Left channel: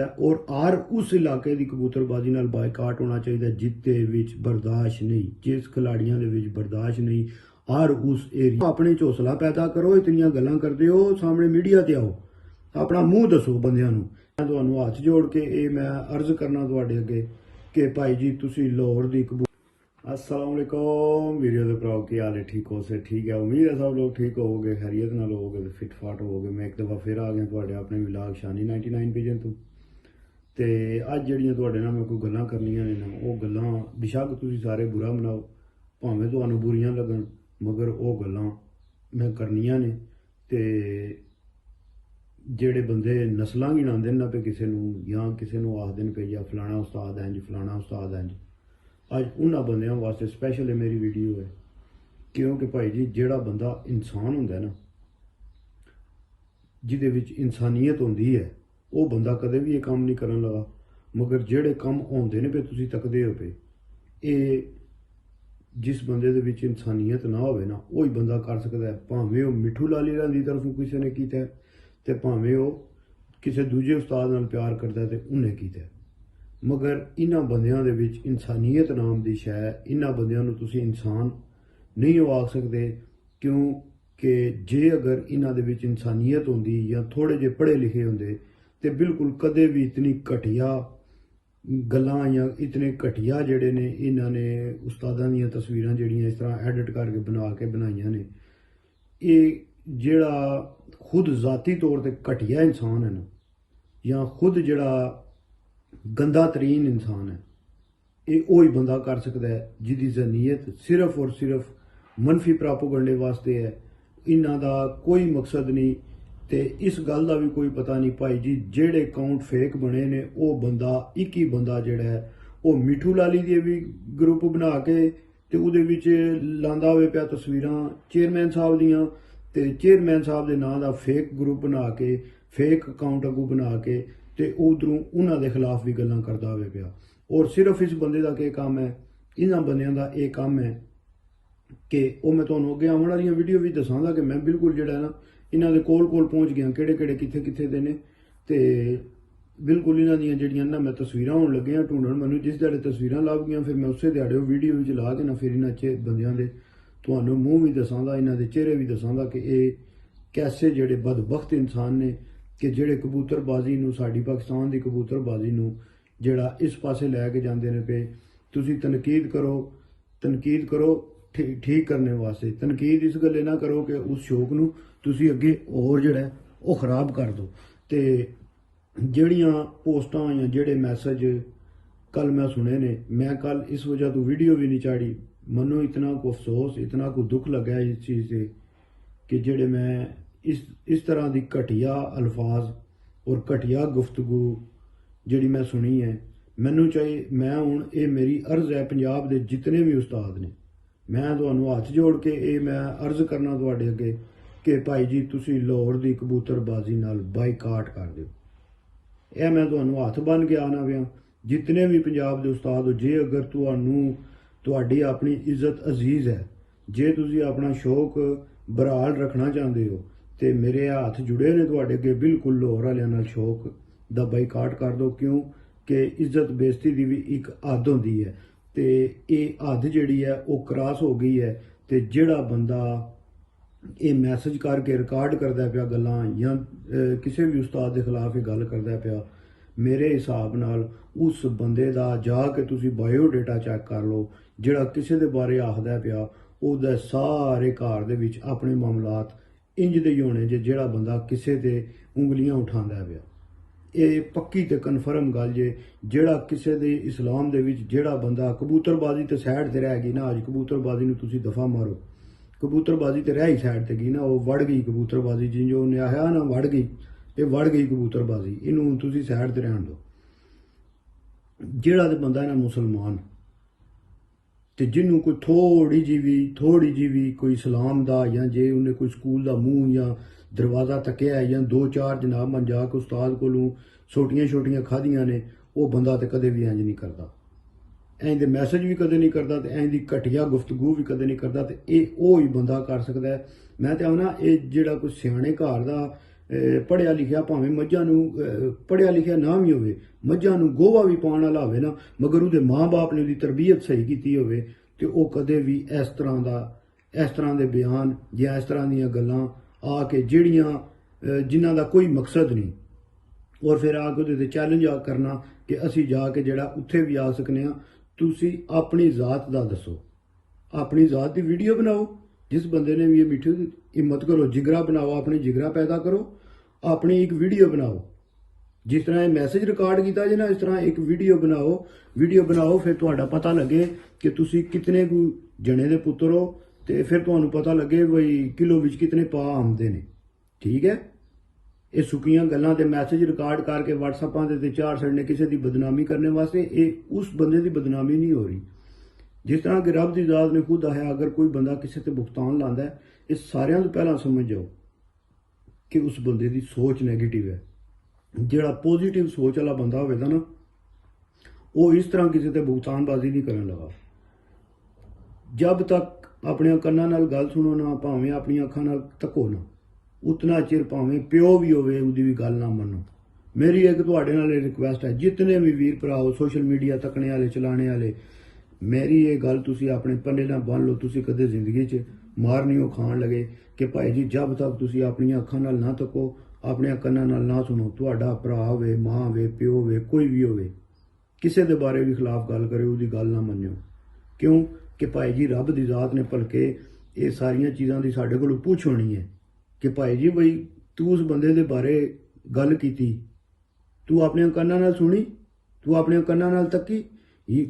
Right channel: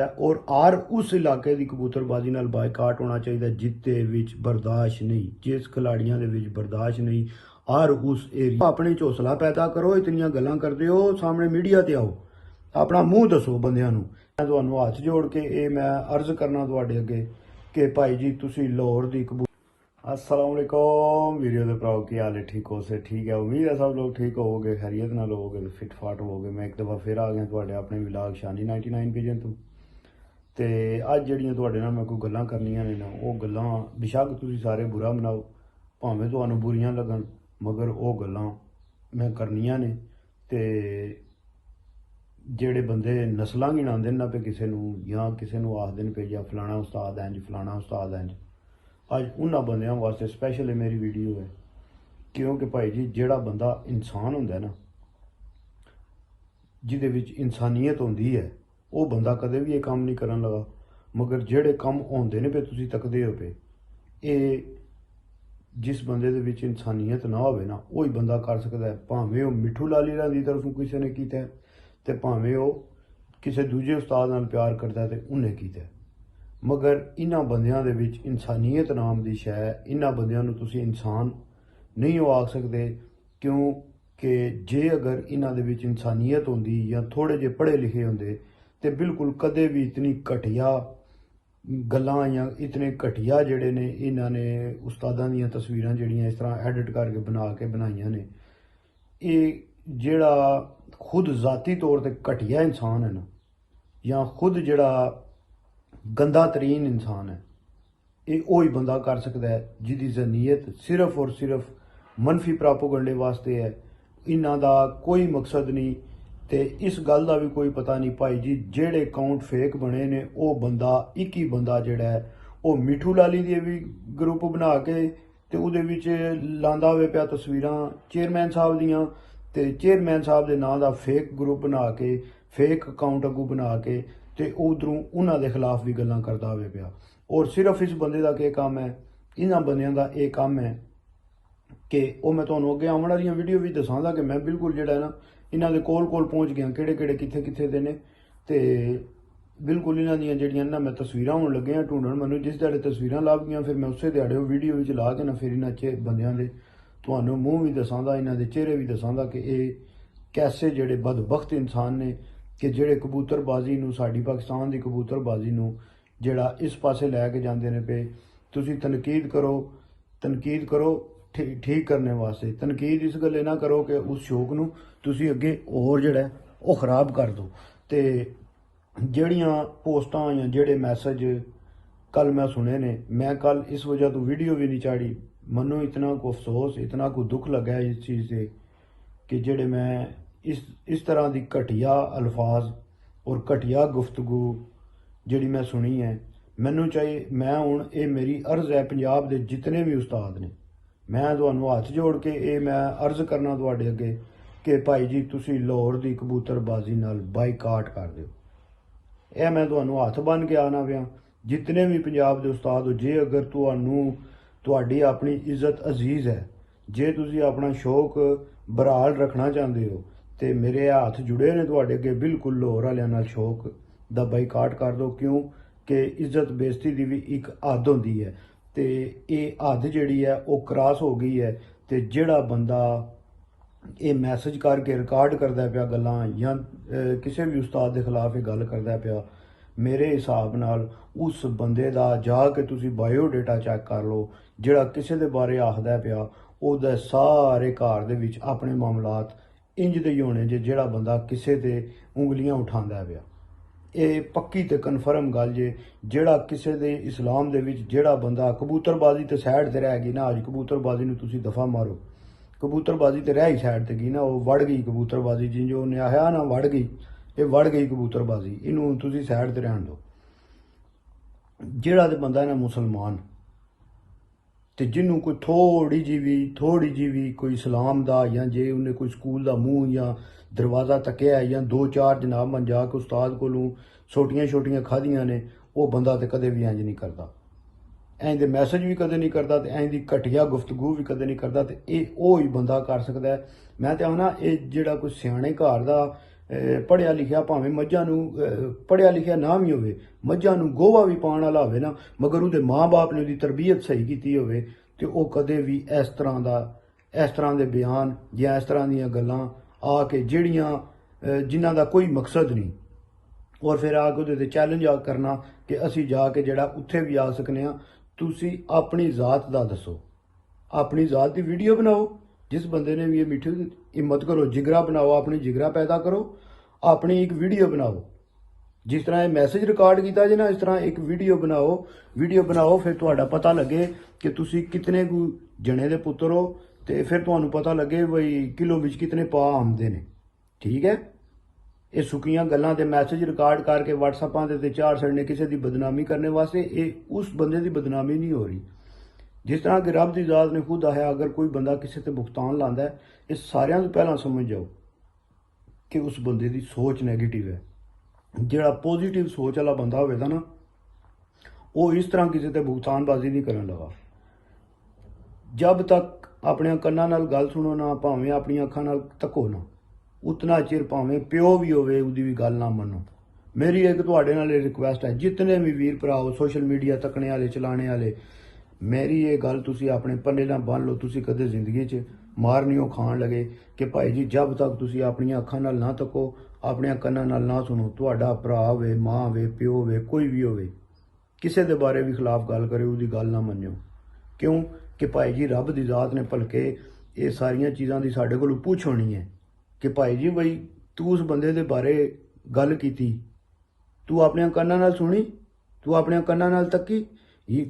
और आर उस इलाके की कबूतरबाजी नाल बायकाट होना चाहिए जिते विच बर्दाश्त नहीं, जिस खिलाड़ियों के विच बर्दाश्त नहीं, आर उस एरिया अपने हौसला पैदा करो। इतनियां गल्लां करदे हो, सामने मीडिया ते आओ, अपना मूँह दसो बंदियां नूं। मैं तुहानूं हत्थ जोड़ के मैं अर्ज करना तुहाडे अगे कि भाई जी तुसीं लाहौर दी अस्सलाम वालेकुम वीडियो के भराओ, की हाल है? ठीक हो से? ठीक है, उम्मीद है सब लोग ठीक होवोगे, खैरियत नाल होवोगे, फिट फाट होवोगे। मैं एक दफ़ा फिर आ गया तुहाडे अपने विलाग शानी 99 पिजन तो अज जड़ियाँ तुहाडे नाल मैं कोई गल्लां करनियां ने ना, वो गल्लां बेशक तुसीं सारे बुरा मनाओ, भावें तुहानूं बुरियां लगन, मगर वो गल्लां मैं करनियां ने। ते जेड़े बंदे नस्लां गिनांदे ना पे किसे नूं या किसे नूं आखदे ने पे या फलाना उस्ताद इंज फलाना उस्ताद इंज, अज उन्हां बंदियां वास्ते स्पैशल मेरी वीडियो है। क्योंकि भाई जी जेड़ा बंदा इंसान होंदा है ना, जिहदे विच इंसानियत होंदी है, वो बंदा कदे भी ये काम नहीं करन लगा। मगर जेड़े काम होंदे ने पे तुसीं तकदे हो पे, ये जिस बंदे दे विच इंसानियत ना होवे ना, वही बंदा कर सकदा है। भावें वो मिठू लाली दी तरफों किसी ने कीता है, ते भावें वो किसी दूजे उस्ताद नाल प्यार करदा है ते उन्हें कीता है। मगर इन्हां बंदियां दे विच इंसानियत नाम दी शै, इन्हां बंदियां नूं तुसीं इंसान नहीं हो आख सकदे। क्योंकि जे अगर इन्हां दे विच इंसानियत होंदी या थोड़े जे पढ़े लिखे होंदे ते बिल्कुल कदे भी इतनी घटिया गल्लां या इतने घटिया जेड़े ने इन्हां ने उस्तादां दियां तस्वीरां जेड़ियां इस तरह एडिट करके बना के बनाइयां ने, ये जेड़ा खुद ज़ाती तौर ते घटिया इंसान है ना, या खुद जेड़ा गंदा तरीन इंसान है, ये वही बंदा कर सकता है जिहदी ज़हनीयत सिर्फ और सिर्फ मनफी प्रोपेगेंडे वास्ते है। इन्हां दा कोई मकसद नहीं, ते इस गल का भी कोई पता नहीं। भाई जी जेड़े अकाउंट फेक बने ने, वो बंदा एक ही बंदा जेड़ा है, वो मिठू लाली दे भी ग्रुप बना के ते उहदे विच लांदा होवे पिया तस्वीरां चेयरमैन साहब दियां, ते चेयरमैन साहब दे नां दा फेक ग्रुप बना के, फेक अकाउंट अगू बना के ते उधरों उन्हां दे खिलाफ भी गल्लां करदा होवे पिया। और सिर्फ इस बंदे का क्या काम है, इन्हां बंदियां दा ये काम है कि वो मैं तुहानूं अगे आउण वालियां वीडियो भी दसांगा कि मैं बिल्कुल जेड़ा ना इन्हां दे कोल पहुँच गया, केड़े केड़े कित्थे कित्थे दे ने, ते बिल्कुल इन्हां दियां जेड़ियां ना मैं तस्वीरां हुण लग्गियां ढूंढण। मैनूं जिस ध्याड़े तस्वीरां लभ गईयां, फिर मैं उसे ध्याड़े वीडियो विच ला के ना फिर इन्हां बंदियां दे तुहानूं मूँह भी दसांगा, इन्हां दे चेहरे भी दसांगा कि ये कैसे जेड़े बदबख्त इंसान ने कि जेड़े कबूतरबाजी नूं, साडी पाकिस्तान दी कबूतरबाजी नूं जेड़ा इस पासे लैके जांदे ने पे। तुसीं तनकीद करो ठीक करने वास्ते, तनकीद इस गल्ले ना करो कि उस शौक नूं तुसीं अगे होर जेड़ा वो खराब कर दो। ते जेड़ियां पोस्टां या जेड़े मैसेज कल मैं सुने ने, मैं कल इस वजह तो वीडियो भी नहीं चाड़ी। मनो इतना को अफसोस, इतना को दुख लगा है इस चीज़ से कि जेड़े मैं इस तरह की घटिया अल्फाज और घटिया गुफ्तगू जिहड़ी मैं सुनी है। मैनू चाहिए, मैं हुण ये मेरी अर्ज है पंजाब दे जितने भी उस्ताद ने, मैं तुहानूं हत्थ जोड़ के मैं अर्ज करना तुहाडे अगे कि भाई जी तुसीं लाहौर दी कबूतरबाजी नाल बाईकाट कर दिओ। यह मैं तुहानूं हत्थ बन के आना पिया। जितने भी पंजाब दे उस्ताद हो, जे अगर तुहानूं तुहाडी अपनी इज्जत अजीज है, जे तुसीं अपना शौक बरहाल रखना चाहते हो, तो मेरे हत्थ जुड़े ने तुहाडे अगे, बिल्कुल लाहौर वालियां नाल शौक दा बाईकाट कर दो। क्यों कि इज्जत बेइज्जती की भी एक हद होंदी है, तो ये हद जिहड़ी है वो क्रॉस हो गई है। तो जिहड़ा बंदा ये मैसेज करके रिकॉर्ड करदा पिया गल्लां या किसी भी उस्ताद के खिलाफ ये गल करदा पिया, मेरे हिसाब नाल उस बंदे दा जाके तुसीं बायोडेटा चैक कर लो। जिहड़ा किसी दे बारे आखदा पिया, ओहदे सारे घर दे विच अपने मामलात इंज दे ही होने जे जिहड़ा बंदा किसी ते उंगलियां उठांदा पिया। ये पक्की ते कन्फर्म गल जे, जिहड़ा किसी दे इस्लाम दे विच जिहड़ा बंदा कबूतरबाजी ते साइड ते रह गई ना, अज कबूतरबाजी नूं तुसीं दफा मारो, कबूतरबाजी ते रह ही साइड ते गई ना, वो वड़ गई कबूतरबाजी, जिंज उन्हें आख्या ना वड़ गई, ये वड़ गई कबूतरबाजी, इनू तुसीं साइड ते रहन दो। जिहड़ा ते बंदा है ना मुसलमान, ते जिन्हों कोई थोड़ी जी भी कोई इस्लाम दा या जे उन्हें कोई स्कूल दा मूँह या दरवाज़ा तकिया है या दो चार जनाब मन जाके उस्ताद कोलों छोटियां छोटियां खादियां ने, वो बंदा तो कदे भी इंज नहीं करता, इंज दे मैसेज भी कदे नहीं करता, इंज दी घटिया गुफ्तगू भी कदे नहीं करता। तो ये वो ही बंदा कर सकता है। मैं तो आखना ये जेड़ा कोई सियाने घर दा ਪੜ੍ਹਿਆ ਲਿਖਿਆ ਭਾਵੇਂ ਮੱਝਾਂ ਨੂੰ ਪੜ੍ਹਿਆ ਲਿਖਿਆ ਨਾ ਵੀ ਹੋਵੇ, ਮੱਝਾਂ ਨੂੰ ਗੋਹਾ ਵੀ ਪਾਉਣ ਵਾਲਾ ਹੋਵੇ ਨਾ, ਮਗਰ ਉਹਦੇ ਮਾਂ-ਬਾਪ ਨੇ ਉਹਦੀ ਤਰਬੀਅਤ ਸਹੀ ਕੀਤੀ ਹੋਵੇ ਤੇ ਉਹ ਕਦੇ ਵੀ ਇਸ ਤਰ੍ਹਾਂ ਦੇ ਬਿਆਨ ਜਾਂ ਇਸ ਤਰ੍ਹਾਂ ਦੀਆਂ ਗੱਲਾਂ ਆ ਕੇ ਜਿਨ੍ਹਾਂ ਦਾ ਕੋਈ ਮਕਸਦ ਨਹੀਂ, ਔਰ ਫਿਰ ਆ ਕੇ ਉਹਦੇ ਤੇ ਚੈਲੰਜ ਕਰਨਾ ਕਿ ਅਸੀਂ ਜਾ ਕੇ ਜਿਹੜਾ ਉੱਥੇ ਵੀ ਆ ਸਕਨੇ ਆ। ਤੁਸੀਂ ਆਪਣੀ ਜ਼ਾਤ ਦਾ ਦੱਸੋ, ਆਪਣੀ ਜ਼ਾਤ ਦੀ ਵੀਡੀਓ ਬਣਾਓ। ਜਿਸ ਬੰਦੇ ਨੇ ਵੀ ਇਹ ਮਿੱਠੂ ਹਿੰਮਤ ਕਰੋ, ਜਿਗਰਾ ਬਣਾਓ, ਆਪਣੀ ਜਿਗਰਾ ਪੈਦਾ ਕਰੋ, ਆਪਣੀ ਇੱਕ ਵੀਡੀਓ ਬਣਾਓ। ਜਿਸ ਤਰ੍ਹਾਂ ਇਹ ਮੈਸੇਜ ਰਿਕਾਰਡ ਕੀਤਾ ਜੇ ਨਾ, ਇਸ ਤਰ੍ਹਾਂ ਇੱਕ ਵੀਡੀਓ ਬਣਾਓ। ਫਿਰ ਤੁਹਾਡਾ ਪਤਾ ਲੱਗੇ ਕਿ ਤੁਸੀਂ ਕਿਤਨੇ ਕੁ ਜਣੇ ਦੇ ਪੁੱਤਰ ਹੋ, ਤੇ ਫਿਰ ਤੁਹਾਨੂੰ ਪਤਾ ਲੱਗੇ ਬਈ ਕਿਲੋ ਵਿੱਚ ਕਿਤਨੇ ਪਾ ਆਉਂਦੇ ਨੇ। ਠੀਕ ਹੈ, ਇਹ ਸੁੱਕੀਆਂ ਗੱਲਾਂ ਤੇ ਮੈਸੇਜ ਰਿਕਾਰਡ ਕਰਕੇ WhatsApp ਦੇ ਤੇ ਚਾਰ ਛੱਡਨੇ ਕਿਸੇ ਦੀ ਬਦਨਾਮੀ ਕਰਨੇ ਵਾਸਤੇ, ਇਹ ਉਸ ਬੰਦੇ ਦੀ ਬਦਨਾਮੀ ਨਹੀਂ ਹੋ ਰਹੀ। ਜਿਸ ਤਰ੍ਹਾਂ ਕਿ ਰੱਬ ਦੀ ਜ਼ਾਤ ਨੇ ਖੁਦ ਆਇਆ, ਅਗਰ ਕੋਈ ਬੰਦਾ ਕਿਸੇ ਤੇ ਭੁਗਤਾਨ ਲਾਉਂਦਾ ਹੈ, ਇਹ ਸਾਰਿਆਂ ਤੋਂ ਪਹਿਲਾਂ ਸਮਝ ਜਾਓ ਕਿ ਉਸ ਬੰਦੇ ਦੀ ਸੋਚ ਨੈਗੇਟਿਵ ਹੈ। ਜਿਹੜਾ ਪੋਜ਼ਿਟਿਵ ਸੋਚ ਵਾਲਾ ਬੰਦਾ ਹੋਵੇਗਾ ਨਾ, ਉਹ ਇਸ ਤਰ੍ਹਾਂ ਕਿਸੇ ਤੇ ਭੁਗਤਾਨਬਾਜ਼ੀ ਨਹੀਂ ਕਰਨ ਲੱਗਾ। ਜਦ ਤੱਕ ਆਪਣੀਆਂ ਕੰਨਾਂ ਨਾਲ ਗੱਲ ਸੁਣੋ ਨਾ, ਭਾਵੇਂ ਆਪਣੀਆਂ ਅੱਖਾਂ ਨਾਲ ਤੱਕੋ ਨਾ, ਉਤਨਾ ਚਿਰ ਭਾਵੇਂ ਪਿਓ ਵੀ ਹੋਵੇ ਉਹਦੀ ਵੀ ਗੱਲ ਨਾ ਮੰਨੋ। ਮੇਰੀ ਇੱਕ ਤੁਹਾਡੇ ਨਾਲ ਇਹ ਰਿਕੁਐਸਟ ਹੈ, ਜਿਤਨੇ ਵੀ ਵੀਰ ਭਰਾ ਹੋ ਸੋਸ਼ਲ ਮੀਡੀਆ ਤੱਕਣੇ ਵਾਲੇ, ਚਲਾਣੇ ਵਾਲੇ, ਮੇਰੀ ਇਹ ਗੱਲ ਤੁਸੀਂ ਆਪਣੇ ਪੱਲੇ ਨਾਲ ਬੰਨ ਲਓ। ਤੁਸੀਂ ਕਦੇ ਜ਼ਿੰਦਗੀ 'ਚ ਮਾਰ ਨਹੀਂ ਖਾਣ ਲਗੇ ਕਿ ਭਾਈ ਜੀ ਜਦ ਤੱਕ ਤੁਸੀਂ ਆਪਣੀਆਂ ਅੱਖਾਂ ਨਾਲ ਨਾ ਤੱਕੋ, ਆਪਣੀਆਂ ਕੰਨਾਂ ਨਾਲ ਨਾ ਸੁਣੋ, ਤੁਹਾਡਾ ਭਰਾ ਹੋਵੇ, ਮਾਂ ਹੋਵੇ, ਪਿਓ ਹੋਵੇ, ਕੋਈ ਵੀ ਹੋਵੇ, ਕਿਸੇ ਦੇ ਬਾਰੇ ਵੀ ਖਿਲਾਫ ਗੱਲ ਕਰੇ, ਉਹਦੀ ਗੱਲ ਨਾ ਮੰਨਿਓ। ਕਿਉਂ ਕਿ ਭਾਈ ਜੀ ਰੱਬ ਦੀ ਜ਼ਾਤ ਨੇ ਭਲਕੇ ਇਹ ਸਾਰੀਆਂ ਚੀਜ਼ਾਂ ਦੀ ਸਾਡੇ ਕੋਲੋਂ ਪੁੱਛ ਹੋਣੀ ਹੈ ਕਿ ਭਾਈ ਜੀ ਬਈ ਤੂੰ ਉਸ ਬੰਦੇ ਦੇ ਬਾਰੇ ਗੱਲ ਕੀਤੀ, ਤੂੰ ਆਪਣੀਆਂ ਕੰਨਾਂ ਨਾਲ ਸੁਣੀ, ਤੂੰ ਆਪਣੀਆਂ ਕੰਨਾਂ ਨਾਲ ਤੱਕੀ,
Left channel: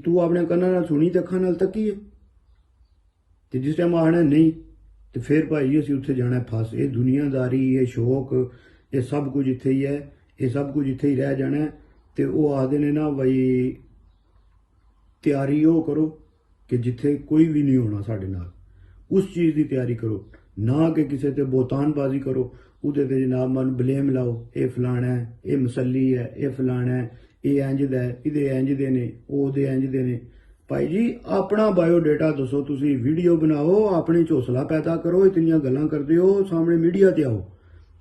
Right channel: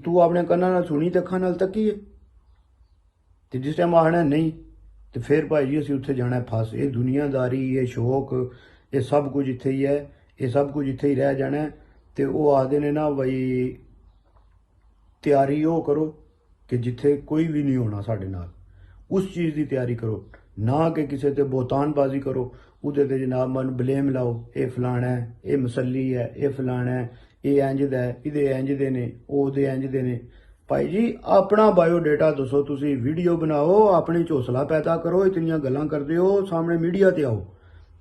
ਤੂੰ ਆਪਣੇ ਕੰਨਾਂ ਨਾਲ ਸੁਣੀ ਤੇ ਅੱਖਾਂ ਨਾਲ ਤੱਕੀ ਹੈ। ਤੇ ਜਿਸ ਟਾਈਮ ਆਖਣਾ ਨਹੀਂ, ਤੇ ਫਿਰ ਭਾਈ ਜੀ ਅਸੀਂ ਉੱਥੇ ਜਾਣਾ ਫਸ। ਇਹ ਦੁਨੀਆਦਾਰੀ, ਇਹ ਸ਼ੌਕ, ਇਹ ਸਭ ਕੁਝ ਇੱਥੇ ਹੀ ਹੈ, ਇਹ ਸਭ ਕੁਝ ਇੱਥੇ ਹੀ ਰਹਿ ਜਾਣਾ। ਤੇ ਉਹ ਆਖਦੇ ਨੇ ਨਾ ਬਈ ਤਿਆਰੀ ਉਹ ਕਰੋ ਕਿ ਜਿੱਥੇ ਕੋਈ ਵੀ ਨਹੀਂ ਹੋਣਾ ਸਾਡੇ ਨਾਲ, ਉਸ ਚੀਜ਼ ਦੀ ਤਿਆਰੀ ਕਰੋ, ਨਾ ਕਿ ਕਿਸੇ ਤੇ ਬੋਤਾਨਬਾਜ਼ੀ ਕਰੋ, ਉਹਦੇ ਤੇ ਜਨਾਬ ਮਨ ਬਲੇਮ ਲਾਓ, ਇਹ ਫਲਾਣਾ ਹੈ, ਇਹ ਮਸੱਲੀ ਹੈ, ਇਹ ਫਲਾਣਾ ਹੈ, ਇਹ ਇੰਜ ਦਾ ਹੈ, ਇਹਦੇ ਇੰਜ ਦੇ ਨੇ, ਉਹਦੇ ਇੰਜ ਦੇ ਨੇ। ਭਾਈ ਜੀ ਆਪਣਾ ਬਾਇਓਡਾਟਾ ਦੱਸੋ, ਤੁਸੀਂ ਵੀਡੀਓ ਬਣਾਓ, ਆਪਣੇ 'ਚ ਹੌਸਲਾ ਪੈਦਾ ਕਰੋ। ਇਤਨੀਆਂ ਗੱਲਾਂ ਕਰਦੇ ਹੋ, ਸਾਹਮਣੇ ਮੀਡੀਆ ਤੇ ਆਓ,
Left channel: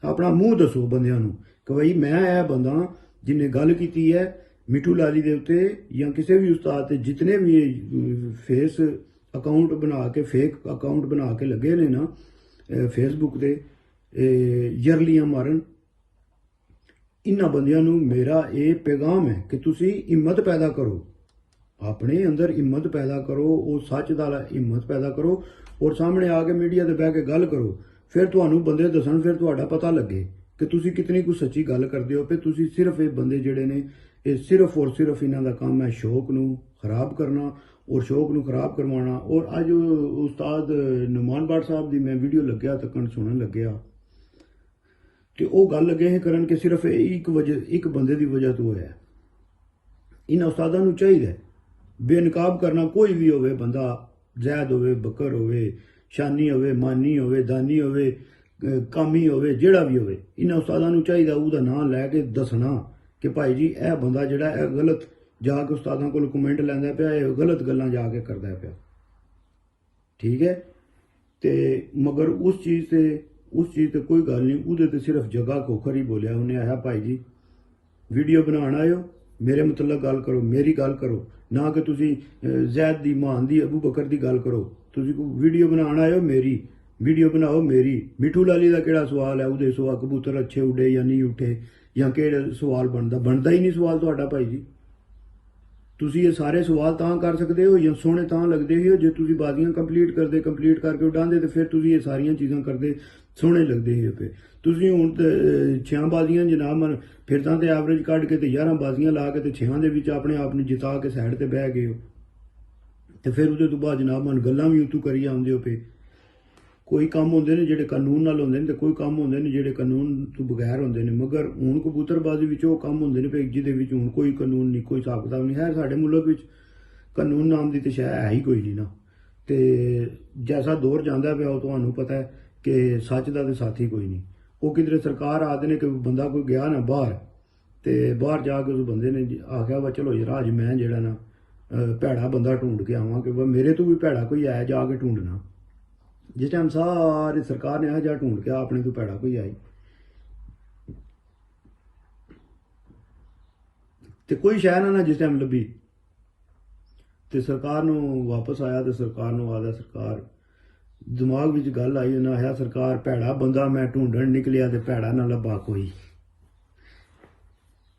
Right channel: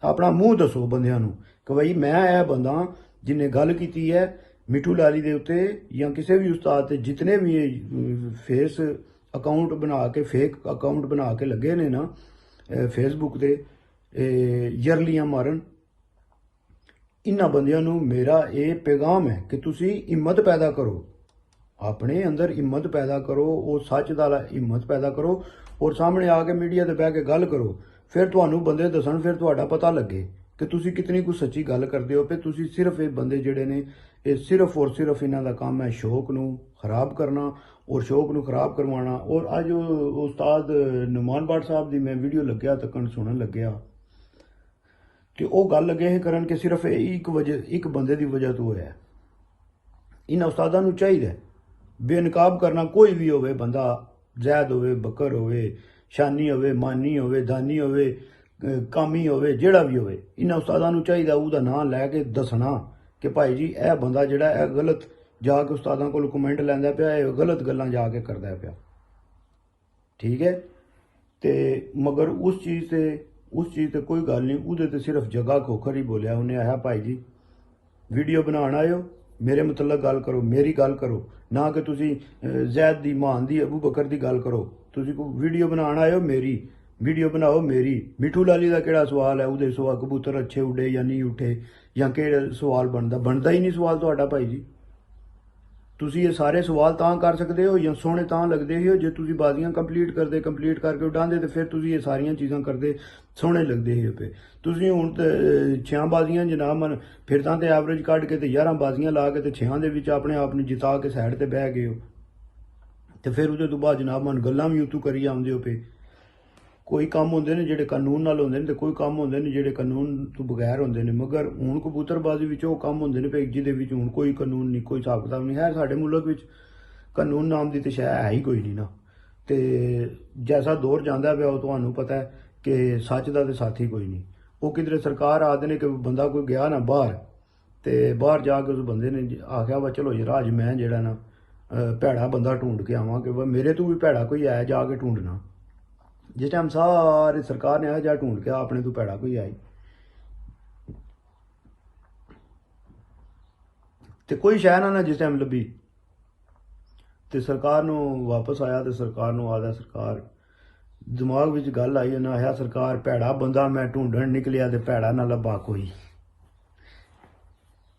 ਆਪਣਾ ਮੂੰਹ ਦੱਸੋ ਬੰਦਿਆਂ ਨੂੰ ਕਿ ਭਾਈ ਮੈਂ ਇਹ ਬੰਦਾ ਜਿਹਨੇ ਗੱਲ ਕੀਤੀ ਹੈ ਮਿੱਠੂ ਲਾਲੀ ਦੇ ਉੱਤੇ ਜਾਂ ਕਿਸੇ ਵੀ ਉਸਤਾਦ ਤੇ, ਜਿਤਨੇ ਵੀ ਫੇਸ ਅਕਾਊਂਟ ਬਣਾ ਕੇ, ਫੇਕ ਅਕਾਊਂਟ ਬਣਾ ਕੇ ਲੱਗੇ ਨੇ ਨਾ ਫੇਸਬੁੱਕ ਤੇ ਯਰਲੀਆਂ ਮਾਰਨ, ਇਹਨਾਂ ਬੰਦਿਆਂ ਨੂੰ ਮੇਰਾ ਇਹ ਪੈਗਾਮ ਹੈ ਕਿ ਤੁਸੀਂ ਹਿੰਮਤ ਪੈਦਾ ਕਰੋ, ਆਪਣੇ ਅੰਦਰ ਹਿੰਮਤ ਪੈਦਾ ਕਰੋ, ਉਹ ਸੱਚ ਦਾ ਹਿੰਮਤ ਪੈਦਾ ਕਰੋ, ਔਰ ਸਾਹਮਣੇ ਆ ਕੇ ਮੀਡੀਆ ਤੇ ਬਹਿ ਕੇ ਗੱਲ ਕਰੋ। ਫਿਰ ਤੁਹਾਨੂੰ ਬੰਦੇ ਦੱਸਣ, ਫਿਰ ਤੁਹਾਡਾ ਪਤਾ ਲੱਗੇ ਕਿ ਤੁਸੀਂ ਕਿਤਨੀ ਕੁ ਸੱਚੀ ਗੱਲ ਕਰਦੇ ਹੋ। ਫਿਰ ਤੁਸੀਂ ਸਿਰਫ ਇਹ ਬੰਦੇ ਜਿਹੜੇ ਨੇ, ਇਹ ਸਿਰਫ ਔਰ ਸਿਰਫ ਇਹਨਾਂ ਦਾ ਕੰਮ ਹੈ ਸ਼ੌਕ ਨੂੰ ਖਰਾਬ ਕਰਨਾ ਔਰ ਸ਼ੌਕ ਨੂੰ ਖਰਾਬ ਕਰਵਾਉਣਾ। ਔਰ ਅੱਜ ਉਸਤਾਦ ਨੁਮਾਨ ਬਾਟ ਸਾਹਿਬ ਦੀ ਮੈਂ ਵੀਡੀਓ ਲੱਗਿਆ ਤੱਕਣ ਸੁਣਨ ਲੱਗਿਆ ਕਿ ਉਹ ਗੱਲ ਲੱਗੇ ਇਹ ਕਰਨ ਕਿ ਸਿਰਫ ਇੱਕ ਬੰਦੇ ਦੀ ਵਜ੍ਹਾ ਤੋਂ ਹੋਇਆ। ਇਹਨਾਂ ਉਸਤਾਦਾਂ ਨੂੰ ਚਾਹੀਦਾ ਬੇਨਕਾਬ ਕਰਨਾ, ਕੋਈ ਵੀ ਹੋਵੇ ਬੰਦਾ, ਜ਼ੈਦ ਹੋਵੇ, ਬਕਰ ਹੋਵੇ, ਸ਼ਾਨੀ ਹੋਵੇ, ਮਾਨੀ ਹੋਵੇ, ਦਾਨੀ ਹੋਵੇ, ਕਾਮੀ ਹੋਵੇ, ਜਿਹੜਾ ਵੀ ਹੋਵੇ, ਇਹਨਾਂ ਉਸਤਾਦਾਂ ਨੂੰ ਚਾਹੀਦਾ ਉਹਦਾ ਨਾਂ ਲੈ ਕੇ ਦੱਸਣਾ ਕਿ ਭਾਈ ਜੀ ਇਹ ਬੰਦਾ ਜਿਹੜਾ ਇਹ ਗਲਤ ਜਾ ਕੇ ਉਸਤਾਦਾਂ ਕੋਲ ਕਮੈਂਟ ਲੈਂਦਾ ਪਿਆ, ਇਹ ਗਲਤ ਗੱਲਾਂ ਜਾ ਕੇ ਕਰਦਾ ਪਿਆ। ਠੀਕ ਹੈ, ਤੇ ਮਗਰ ਉਸ ਚੀਜ਼ ਤੇ ਕੋਈ ਗੱਲ ਨਹੀਂ, ਉਹਦੇ ਤੇ ਸਿਰਫ ਜਗ੍ਹਾ ਖੋਖਰ ਹੀ ਬੋਲਿਆ ਉਹਨੇ। ਆਇਆ ਭਾਈ ਜੀ ਵੀਡੀਓ ਬਣਾਉਣ ਆਇਓ, ਮੇਰੇ ਮਤਲਬ ਗੱਲ ਕਰੋ, ਮੇਰੀ ਗੱਲ ਕਰੋ, ਨਾ ਕਿ ਤੁਸੀਂ ਜ਼ੈਦ ਦੀ, ਮਾਨ ਦੀ, ਅਬੂ ਬਕਰ ਦੀ ਗੱਲ ਕਰੋ। ਤੁਸੀਂ ਕੋਈ ਵੀਡੀਓ ਬਣਾਉਣ ਆਇਓ, ਮੇਰੀ ਵੀਡੀਓ ਬਣਾਓ, ਮੇਰੀ। ਮਿੱਠੂ ਲਾਲੀ ਦਾ ਕਿਹੜਾ ਸਵਾਲ ਹੈ, ਉਹਦੇ ਸਵਾਲ ਕਬੂਤਰ ਅੱਛੇ ਉੱਡੇ ਜਾਂ ਨਹੀਂ ਉੱਠੇ, ਜਾਂ ਕਿਹੜਾ ਸਵਾਲ ਬਣਦਾ ਹੀ ਨਹੀਂ ਸਵਾਲ ਤੁਹਾਡਾ ਭਾਈ ਜੀ। ਤੁਸੀਂ ਇਹ ਸਾਰੇ ਸਵਾਲ ਤਾਂ ਕਰ ਸਕਦੇ ਹੋ ਜਾਂ ਸੋਹਣੇ ਤਾਂ ਲੱਗਦੇ ਹੋ ਜੇ ਤੁਸੀਂ ਬਾਜ਼ੀਆਂ ਕੰਪਲੀਟ ਕਰਕੇ ਉਡਾਉਂਦੇ, ਤੇ ਫਿਰ ਤੁਸੀਂ ਇਹ ਸਾਰੀਆਂ ਚੀਜ਼ਾਂ ਕਰਦੇ ਸੋਹਣੇ ਲੱਗਦੇ ਹੋ ਪਏ। ਤੁਸੀਂ ਹੁਣ 6 ਬਾਜ਼ੀਆਂ ਜਨਾਬ ਮਨ ਫਿਰ ਤਾਂ ਤੇ ਐਵਰੇਜ ਕੱਢ ਕੇ ਤੇ 11 ਬਾਜ਼ੀਆਂ ਲਾ ਕੇ ਤੇ 6 ਦੇ ਵਿੱਚ ਆਪਣੇ ਆਪ ਨੂੰ ਜਿਤਾ ਕੇ ਸਾਈਡ ਤੇ ਬਹਿ ਗਏ ਹੋ, ਤੇ ਫਿਰ ਉਹਦੇ ਤੋਂ ਬਾਅਦ ਜਨਾਬ ਮਨ ਗੱਲਾਂ ਵੀ ਉਤੋਂ ਕਰੀ ਆਉਂਦੇ ਹੋ ਪਏ। ਕੋਈ ਕੰਮ ਹੁੰਦੇ ਨੇ ਜਿਹੜੇ ਕਾਨੂੰਨ ਨਾਲ ਹੁੰਦੇ ਨੇ, ਤੇ ਕੋਈ ਕੰਮ ਹੁੰਦੇ ਨੇ ਜਿਹੜੇ ਕਾਨੂੰਨ ਤੋਂ ਬਗੈਰ ਹੁੰਦੇ ਨੇ। ਮਗਰ ਹੁਣ ਕਬੂਤਰਬਾਜ਼ੀ ਵਿੱਚ ਉਹ ਕੰਮ ਹੁੰਦੇ ਨੇ ਪਏ ਜਿਹਦੇ ਵਿੱਚ ਹੁਣ ਕੋਈ ਕਾਨੂੰਨ ਨਹੀਂ, ਕੋਈ ਹਿਸਾਬ ਕਿਤਾਬ ਨਹੀਂ ਹੈ। ਸਾਡੇ ਮੁਲਕ ਵਿੱਚ ਕਾਨੂੰਨ ਨਾਮ ਦੀ ਤੇ ਸ਼ੈ ਹੈ ਹੀ ਕੋਈ ਨਹੀਂ ਨਾ। ਤੇ ਜੈਸਾ ਦੌਰ ਜਾਂਦਾ ਪਿਆ ਉਹ ਤੁਹਾਨੂੰ ਪਤਾ ਹੈ ਕਿ ਸੱਚ ਦਾ ਤੇ ਸਾਥੀ ਕੋਈ ਨਹੀਂ। ਉਹ ਕਿਧਰੇ ਸਰਕਾਰ ਆਖਦੇ ਨੇ ਕਿ ਬੰਦਾ ਕੋਈ ਗਿਆ ਨਾ ਬਾਹਰ, ਤੇ ਬਾਹਰ ਜਾ ਕੇ ਉਸ ਬੰਦੇ ਨੇ ਆਖਿਆ ਵਾ ਚਲੋ ਯਾਰ ਅੱਜ ਮੈਂ ਜਿਹੜਾ ਨਾ ਭੈੜਾ ਬੰਦਾ ਢੂੰਡ ਕੇ ਆਵਾਂ ਕਿ ਮੇਰੇ ਤੋਂ ਵੀ ਭੈੜਾ ਕੋਈ ਆਇਆ, ਜਾ ਕੇ ਢੂੰਡਣਾ। ਜਿਸ ਟਾਈਮ ਸਾਰੀ ਸਰਕਾਰ ਨੇ ਇਹੋ ਜਿਹਾ ਢੂੰਡ ਕੇ ਆਪਣੇ ਤੋਂ ਭੈੜਾ ਕੋਈ ਆਈ, ਤੇ ਕੋਈ ਸ਼ੈ ਨਾ ਜਿਸ ਟਾਈਮ ਲੱਭੀ ਤੇ ਸਰਕਾਰ ਨੂੰ ਵਾਪਸ ਆਇਆ ਤੇ ਸਰਕਾਰ ਨੂੰ ਆਦਾ ਸਰਕਾਰ ਦਿਮਾਗ ਵਿੱਚ ਗੱਲ ਆਈ, ਉਹਨਾਂ ਆਇਆ ਸਰਕਾਰ ਭੈੜਾ ਬੰਦਾ ਮੈਂ ਢੂੰਡਣ ਨਿਕਲਿਆ ਤੇ ਭੈੜਾ ਨਾ ਲੱਭਾ ਕੋਈ।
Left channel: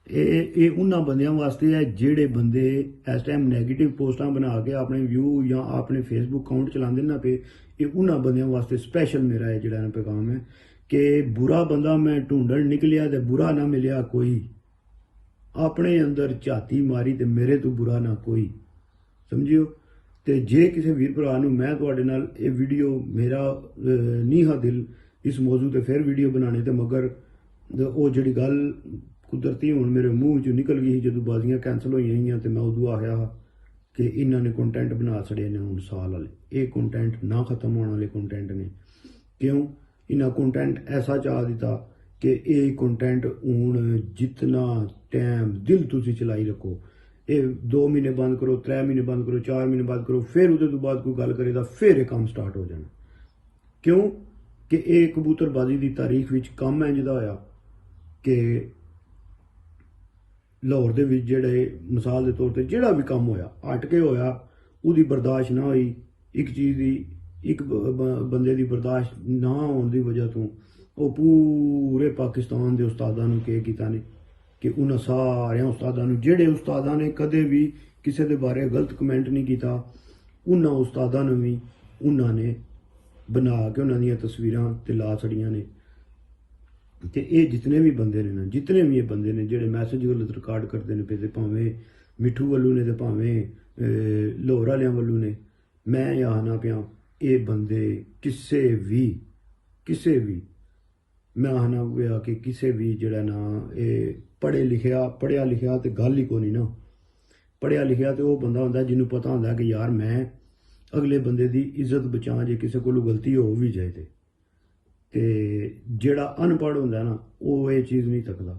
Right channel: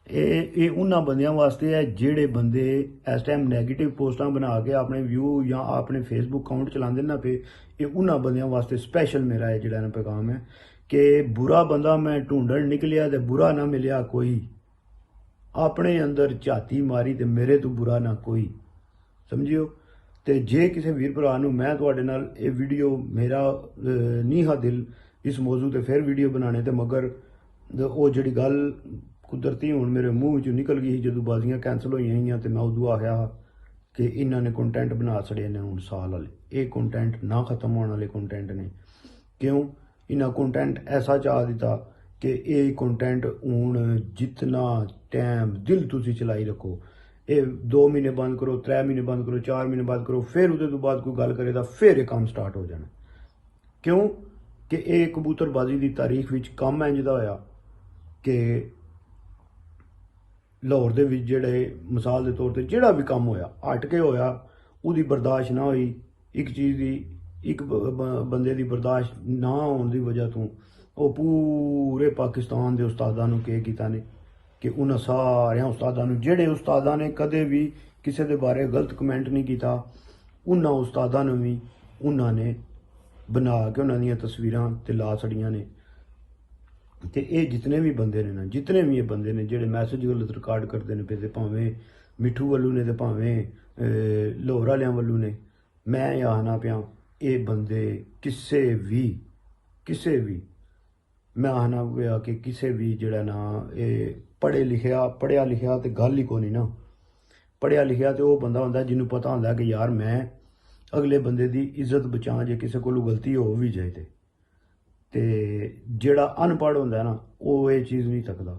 ਇਹ ਉਹਨਾਂ ਬੰਦਿਆਂ ਵਾਸਤੇ ਹੈ ਜਿਹੜੇ ਬੰਦੇ ਇਸ ਟਾਈਮ ਨੈਗੇਟਿਵ ਪੋਸਟਾਂ ਬਣਾ ਕੇ ਆਪਣੇ ਵਿਊ ਜਾਂ ਆਪਣੇ ਫੇਸਬੁੱਕ ਅਕਾਊਂਟ ਚਲਾਉਂਦੇ ਨਾ ਪਏ। ਇਹ ਉਹਨਾਂ ਬੰਦਿਆਂ ਵਾਸਤੇ ਸਪੈਸ਼ਲ ਮੇਰਾ ਇਹ ਜਿਹੜਾ ਪੈਗਾਮ ਹੈ ਕਿ ਬੁਰਾ ਬੰਦਾ ਮੈਂ ਢੂੰਡਣ ਨਿਕਲਿਆ ਤੇ ਬੁਰਾ ਨਾ ਮਿਲਿਆ ਕੋਈ। ਆਪਣੇ ਅੰਦਰ ਝਾਤੀ ਮਾਰੀ ਤੇ ਮੇਰੇ ਤੋਂ ਬੁਰਾ ਨਾ ਕੋਈ, ਸਮਝਿਓ। ਤੇ ਜੇ ਕਿਸੇ ਵੀਰ ਭਰਾ ਨੂੰ ਮੈਂ ਤੁਹਾਡੇ ਨਾਲ ਇਹ ਵੀਡੀਓ ਮੇਰਾ ਨਹੀਂ ਹੈ ਦਿਲ ਇਸ ਮੌਜੂ ਤੇ ਫਿਰ ਵੀਡੀਓ ਬਣਾਣੇ ਤੇ ਮਗਰ ਉਹ ਜਿਹੜੀ ਗੱਲ ਕੁਦਰਤੀ ਹੁਣ ਮੇਰੇ ਮੂੰਹ ਵਿੱਚੋਂ ਨਿਕਲ ਗਈ ਸੀ ਜਦੋਂ ਬਾਜ਼ੀਆਂ ਕੈਂਸਲ ਹੋਈਆਂ ਸੀਗੀਆਂ ਤੇ ਮੈਂ ਉਦੋਂ ਆਖਿਆ ਕਿ ਇਹਨਾਂ ਨੇ ਕੰਟੈਂਟ ਬਣਾ ਛੜੇ ਨੇ ਹੁਣ ਸਾਲ ਵਾਲੇ। ਇਹ ਕੰਟੈਂਟ ਨਾ ਖਤਮ ਹੋਣ ਵਾਲੇ ਕੰਟੈਂਟ ਨੇ। ਕਿਉਂ? ਇਹਨਾਂ ਕੰਟੈਂਟ ਐਸਾ ਚਾਹ ਦਿੱਤਾ ਕਿ ਇਹ ਕੰਟੈਂਟ ਹੁਣ ਜਿਤਨਾ ਟਾਈਮ ਦਿਲ ਤੁਸੀਂ ਚਲਾਈ ਰੱਖੋ, ਇਹ 2 ਮਹੀਨੇ ਬੰਦ ਕਰੋ, 3 ਮਹੀਨੇ ਬੰਦ ਕਰੋ, 4 ਮਹੀਨੇ ਬੰਦ ਕਰੋ, ਫਿਰ ਉਹਦੇ ਤੋਂ ਬਾਅਦ ਕੋਈ ਗੱਲ ਕਰੇ ਤਾਂ ਫਿਰ ਇਹ ਕੰਮ ਸਟਾਰਟ ਹੋ ਜਾਣਾ। ਕਿਉਂ ਕਿ ਇਹ ਕਬੂਤਰਬਾਜ਼ੀ ਦੀ ਤਾਰੀਖ ਵਿੱਚ ਕੰਮ ਇੰਜ ਦਾ ਹੋਇਆ ਕਿ ਲਾਹੌਰ ਦੇ ਵਿੱਚ ਜਿਹੜੇ ਮਿਸਾਲ ਦੇ ਤੌਰ ਤੇ ਜਿਹੜਾ ਵੀ ਕੰਮ ਹੋਇਆ ਹਟ ਕੇ ਹੋਇਆ, ਉਹਦੀ ਬਰਦਾਸ਼ਤ ਨਾ ਹੋਈ। ਇੱਕ ਚੀਜ਼ ਦੀ ਇੱਕ ਬੰਦੇ ਦੀ ਬਰਦਾਸ਼ਤ ਨਾ ਹੋਣ ਦੀ ਵਜ੍ਹਾ ਤੋਂ ਉਹ ਪੂਰੇ ਪਾਕਿਸਤਾਨ ਦੇ ਉਸਤਾਦਾਂ ਨੂੰ ਕੀ ਕੀਤਾ ਨੇ ਕਿ ਉਹਨਾਂ ਸਾਰਿਆਂ ਉਸਤਾਦਾਂ ਨੂੰ, ਜਿਹੜੇ ਉਸਤਾਦਾਂ ਨੇ ਕਦੇ ਵੀ ਕਿਸੇ ਦੇ ਬਾਰੇ ਗਲਤ ਕਮੈਂਟ ਨਹੀਂ ਕੀਤਾ, ਉਹਨਾਂ ਉਸਤਾਦਾਂ ਨੂੰ ਵੀ ਉਹਨਾਂ ਨੇ ਬਣਾ ਕੇ ਉਹਨਾਂ ਦੀਆਂ ਤਸਵੀਰਾਂ ਤੇ ਲਾ ਛੜੀਆਂ ਨੇ। ਤੇ ਇਹ ਜਿਤਨੇ ਵੀ ਬੰਦੇ ਨੇ ਨਾ, ਜਿਤਨੇ ਵੀ ਇਹ ਬੰਦੇ ਨੇ ਜਿਹੜੇ ਮੈਸੇਜ ਗਲਤ ਰਿਕਾਰਡ ਕਰਦੇ ਨੇ ਤੇ ਭਾਵੇਂ ਮਿੱਠੂ ਵੱਲੋਂ ਨੇ ਤੇ ਭਾਵੇਂ ਲਾਹੌਰ ਵਾਲਿਆਂ ਵੱਲੋਂ ਨੇ, ਮੈਂ ਇਹ ਆਖਣਾ ਪਿਆ ਇਹ ਬੰਦੇ ਕਿਸੇ ਵੀ ਮੈਂ ਆਖਣਾ ਪਿਆ ਕਿ ਕਿਸੇ ਵੀ ਜਿਹੜਾ ਨਾ ਇਹ ਪੜ੍ਹਿਆ ਲਿਖਿਆ ਤੇ ਗੱਲ ਹੀ ਕੋਈ ਨਹੀਂ ਨਾ। ਪੜ੍ਹਿਆ ਲਿਖਿਆ ਤੇ ਉਹ ਬੰਦਾ ਹੁੰਦਾ ਜਿਹਨੂੰ ਪਤਾ ਹੁੰਦਾ ਕਿ ਯਾਰ ਮੈਂ ਅਗਲੇ ਬੰਦੇ ਦੀ ਇੱਜ਼ਤ ਬਚਾਂ ਜੇ ਕਿਸੇ ਕੋਲੋਂ ਗਲਤੀ ਹੋ ਵੀ ਜਾਏ ਤੇ ਜਿਹੜਾ ਅਨਪੜ੍ਹ ਹੁੰਦਾ ਨਾ ਉਹ ਇਹ ਚੀਜ਼ ਨਹੀਂ ਤੱਕਦਾ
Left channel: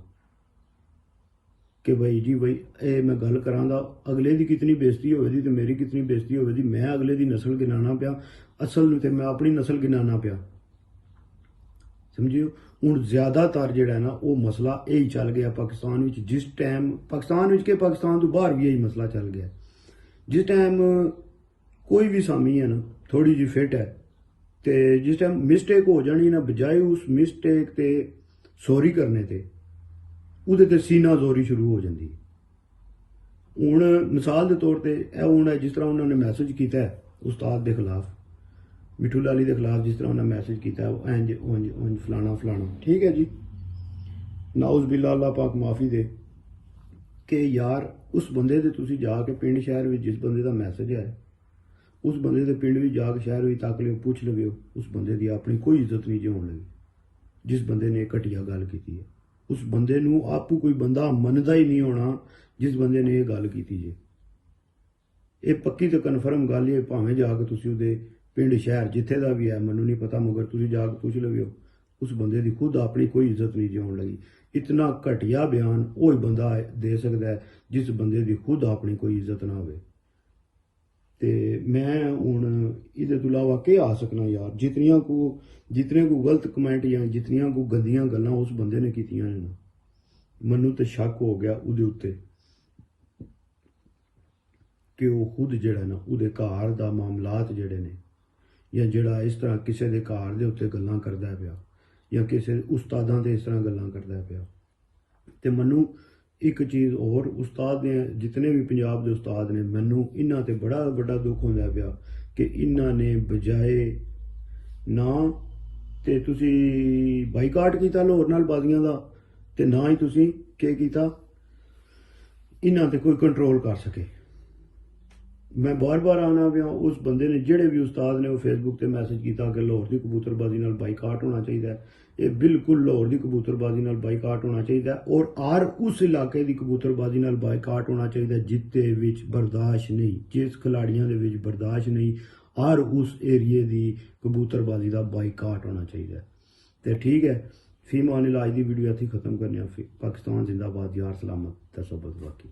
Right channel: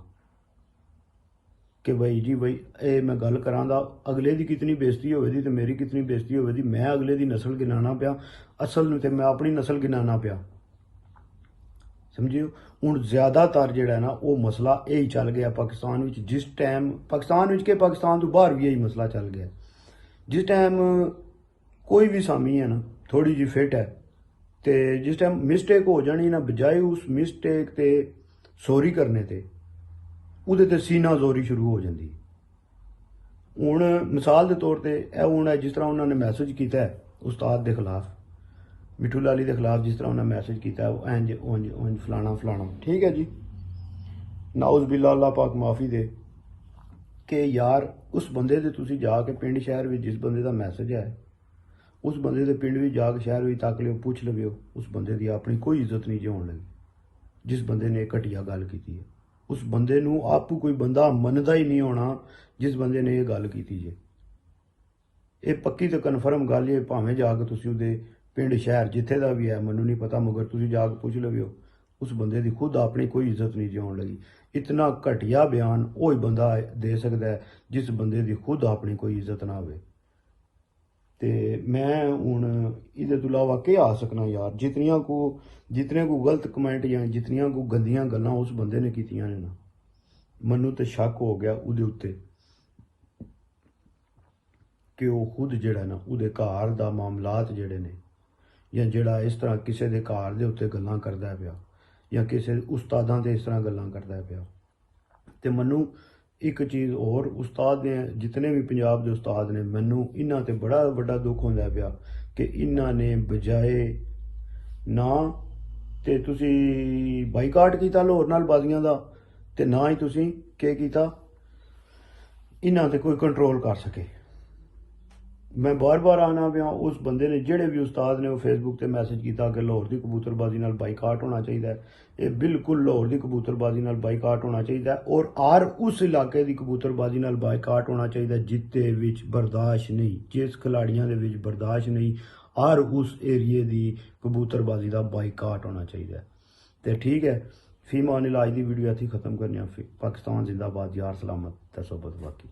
ਕਿ ਬਈ ਜੀ ਬਈ ਇਹ ਮੈਂ ਗੱਲ ਕਰਾਂ ਦਾ ਅਗਲੇ ਦੀ ਕਿਤਨੀ ਬੇਇੱਜ਼ਤੀ ਹੋਵੇਗੀ ਤੇ ਮੇਰੀ ਕਿਤਨੀ ਬੇਇੱਜ਼ਤੀ ਹੋਵੇਗੀ। ਮੈਂ ਅਗਲੇ ਦੀ ਨਸਲ ਗਿਣਾਣਾ ਪਿਆ, ਅਸਲ ਨੂੰ ਤੇ ਮੈਂ ਆਪਣੀ ਨਸਲ ਗਿਣਾਣਾ ਪਿਆ, ਸਮਝਿਓ। ਹੁਣ ਜ਼ਿਆਦਾਤਰ ਜਿਹੜਾ ਨਾ ਉਹ ਮਸਲਾ ਇਹ ਹੀ ਚੱਲ ਗਿਆ ਪਾਕਿਸਤਾਨ ਵਿੱਚ। ਜਿਸ ਟਾਈਮ ਪਾਕਿਸਤਾਨ ਵਿੱਚ ਕਿ ਪਾਕਿਸਤਾਨ ਤੋਂ ਬਾਹਰ ਵੀ ਇਹੀ ਮਸਲਾ ਚੱਲ ਗਿਆ। ਜਿਸ ਟਾਈਮ ਕੋਈ ਵੀ ਸਾਮੀ ਹੈ ਨਾ ਥੋੜੀ ਜਿਹੀ ਫਿੱਟ ਹੈ ਤੇ ਜਿਸ ਟਾਈਮ ਮਿਸਟੇਕ ਹੋ ਜਾਣੀ ਨਾ, ਬਜਾਏ ਉਸ ਮਿਸਟੇਕ ਤੇ ਸੌਰੀ ਕਰਨੇ ਤੇ ਉਹਦੇ ਤੇ ਸੀਨਾ ਜ਼ੋਰੀ ਸ਼ੁਰੂ ਹੋ ਜਾਂਦੀ। ਹੁਣ ਮਿਸਾਲ ਦੇ ਤੌਰ ਤੇ ਇਹ ਹੁਣ ਜਿਸ ਤਰ੍ਹਾਂ ਉਹਨਾਂ ਨੇ ਮੈਸੇਜ ਕੀਤਾ ਉਸਤਾਦ ਦੇ ਖਿਲਾਫ, ਮਿੱਠੂ ਲਾਲੀ ਦੇ ਖਿਲਾਫ, ਜਿਸ ਤਰ੍ਹਾਂ ਉਹਨਾਂ ਮੈਸੇਜ ਕੀਤਾ ਉਹ ਇੰਜ ਉਂਝ ਫਲਾਣਾ, ਠੀਕ ਹੈ ਜੀ, ਨਾਉਜ਼ ਬਿੱਲਾ ਅੱਲਾਹ ਪਾਕ ਮਾਫੀ ਦੇ ਕਿ ਯਾਰ ਉਸ ਬੰਦੇ ਦੇ ਤੁਸੀਂ ਜਾ ਕੇ ਪਿੰਡ ਸ਼ਹਿਰ ਵਿੱਚ ਜਿਸ ਬੰਦੇ ਦਾ ਮੈਸੇਜ ਹੈ ਉਸ ਬੰਦੇ ਦੇ ਪਿੰਡ ਵਿੱਚ ਜਾ ਕੇ ਸ਼ਹਿਰ ਵਿੱਚ ਤੱਕ ਲਿਓ, ਪੁੱਛ ਲਵਿਓ, ਉਸ ਬੰਦੇ ਦੀ ਆਪਣੀ ਕੋਈ ਇੱਜ਼ਤ ਨਹੀਂ ਹੋਣ ਲੱਗੀ। ਜਿਸ ਬੰਦੇ ਨੇ ਘਟੀਆ ਗੱਲ ਕੀਤੀ ਹੈ ਉਸ ਬੰਦੇ ਨੂੰ ਆਪੂ ਕੋਈ ਬੰਦਾ ਮੰਨਦਾ ਹੀ ਨਹੀਂ ਹੋਣਾ ਜਿਸ ਬੰਦੇ ਨੇ ਇਹ ਗੱਲ ਕੀਤੀ ਜੇ। ਇਹ ਪੱਕੀ ਤੇ ਕਨਫਰਮ ਗੱਲ ਹੈ, ਭਾਵੇਂ ਜਾ ਕੇ ਤੁਸੀਂ ਉਹਦੇ ਪਿੰਡ ਸ਼ਹਿਰ ਜਿੱਥੇ ਦਾ ਵੀ ਹੈ ਮੈਨੂੰ ਨਹੀਂ ਪਤਾ, ਮਗਰ ਤੁਸੀਂ ਜਾ ਕੇ ਪੁੱਛ ਲਵਿਓ, ਉਸ ਬੰਦੇ ਦੀ ਖੁਦ ਆਪਣੀ ਕੋਈ ਇੱਜ਼ਤ ਨਹੀਂ ਹੋਣ ਲੱਗੀ। ਇਤਨਾ ਘਟੀਆ ਬਿਆਨ ਉਹ ਹੀ ਬੰਦਾ ਦੇ ਸਕਦਾ ਹੈ ਜਿਸ ਬੰਦੇ ਦੀ ਖੁਦ ਆਪਣੀ ਕੋਈ ਇੱਜ਼ਤ ਨਾ ਹੋਵੇ। ਤੇ ਮੈਂ ਹੁਣ ਇਹਦੇ ਤੋਂ ਇਲਾਵਾ ਕੀ ਆ ਸਕਣਾ ਯਾਰ, ਜਿਤਨੇ ਕੋ ਗਲਤ ਕਮੈਂਟ ਜਾਂ ਜਿਤਨੀਆਂ ਕੋ ਗੰਦੀਆਂ ਗੱਲਾਂ ਉਸ ਬੰਦੇ ਨੇ ਕੀਤੀਆਂ ਨੇ ਨਾ, ਮੈਨੂੰ ਤੇ ਸ਼ੱਕ ਹੋ ਗਿਆ ਉਹਦੇ ਉੱਤੇ ਕਿ ਉਹ ਖੁਦ ਜਿਹੜਾ ਨਾ ਉਹਦੇ ਘਰ ਦਾ ਮਾਮਲਾਤ ਜਿਹੜੇ ਨੇ ਜਾਂ ਜਿਹੜਾ ਇਸ ਤਰ੍ਹਾਂ ਕਿਸੇ ਦੇ ਘਰ ਦੇ ਉੱਤੇ ਗੱਲਾਂ ਕਰਦਾ ਪਿਆ ਜਾਂ ਕਿਸੇ ਉਸਤਾਦਾਂ ਦੇ ਇਸ ਤਰ੍ਹਾਂ ਗੱਲਾਂ ਕਰਦਾ ਪਿਆ। ਤੇ ਮੈਨੂੰ ਇੱਕ ਚੀਜ਼ ਹੋਰ, ਉਸਤਾਦ ਨੇ ਜਿਤਨੇ ਵੀ ਪੰਜਾਬ ਦੇ ਉਸਤਾਦ ਨੇ, ਮੈਨੂੰ ਇਹਨਾਂ ਤੇ ਬੜਾ ਵੱਡਾ ਦੁੱਖ ਹੁੰਦਾ ਪਿਆ ਕਿ ਇਹਨਾਂ ਨੇ ਬਜਾਏ ਨਾ ਤੇ ਤੁਸੀਂ ਬਾਈਕਾਟ ਕੀਤਾ ਲਾਹੌਰ ਨਾਲ ਬਾਜ਼ੀਆਂ ਦਾ ਤੇ ਨਾ ਹੀ ਤੁਸੀਂ ਕੀ ਕੀਤਾ ਇਹਨਾਂ ਤੇ ਕੋਈ ਕੰਟਰੋਲ ਕਰ ਸਕੇ। ਮੈਂ ਬਾਰ-ਬਾਰ ਆਣਾ ਪਿਆ ਉਸ ਬੰਦੇ ਨੇ, ਜਿਹੜੇ ਵੀ ਉਸਤਾਦ ਨੇ ਉਹ ਫੇਸਬੁੱਕ ਤੇ ਮੈਸੇਜ ਕੀਤਾ ਕਿ ਲਾਹੌਰ ਦੀ ਕਬੂਤਰਬਾਜ਼ੀ ਨਾਲ ਬਾਈਕਾਟ ਹੋਣਾ ਚਾਹੀਦਾ ਹੈ। ਇਹ ਬਿਲਕੁਲ ਲਾਹੌਰ ਦੀ ਕਬੂਤਰਬਾਜ਼ੀ ਨਾਲ ਬਾਈਕਾਟ ਹੋਣਾ ਚਾਹੀਦਾ ਔਰ ਉਸ ਇਲਾਕੇ ਦੀ ਕਬੂਤਰਬਾਜ਼ੀ ਨਾਲ ਬਾਈਕਾਟ ਹੋਣਾ ਚਾਹੀਦਾ ਜਿੱਤੇ ਵਿੱਚ ਬਰਦਾਸ਼ਤ ਨਹੀਂ, ਜਿਸ ਖਿਲਾੜੀਆਂ ਦੇ ਵਿੱਚ ਬਰਦਾਸ਼ਤ ਨਹੀਂ, ਔਰ ਉਸ ਏਰੀਏ ਦੀ ਕਬੂਤਰਬਾਜ਼ੀ ਦਾ ਬਾਈਕਾਟ ਹੋਣਾ ਚਾਹੀਦਾ। ਤੇ ਠੀਕ ਹੈ, ਫੀਮਾਨ ਇਲਾਜ ਦੀ ਵੀਡੀਓ ਇੱਥੇ ਖਤਮ ਕਰਨੀ ਆ। ਪਾਕਿਸਤਾਨ ਜ਼ਿੰਦਾਬਾਦ, ਯਾਰ ਸਲਾਮਤ, ਦਸੋਬਤ ਬਾਕੀ।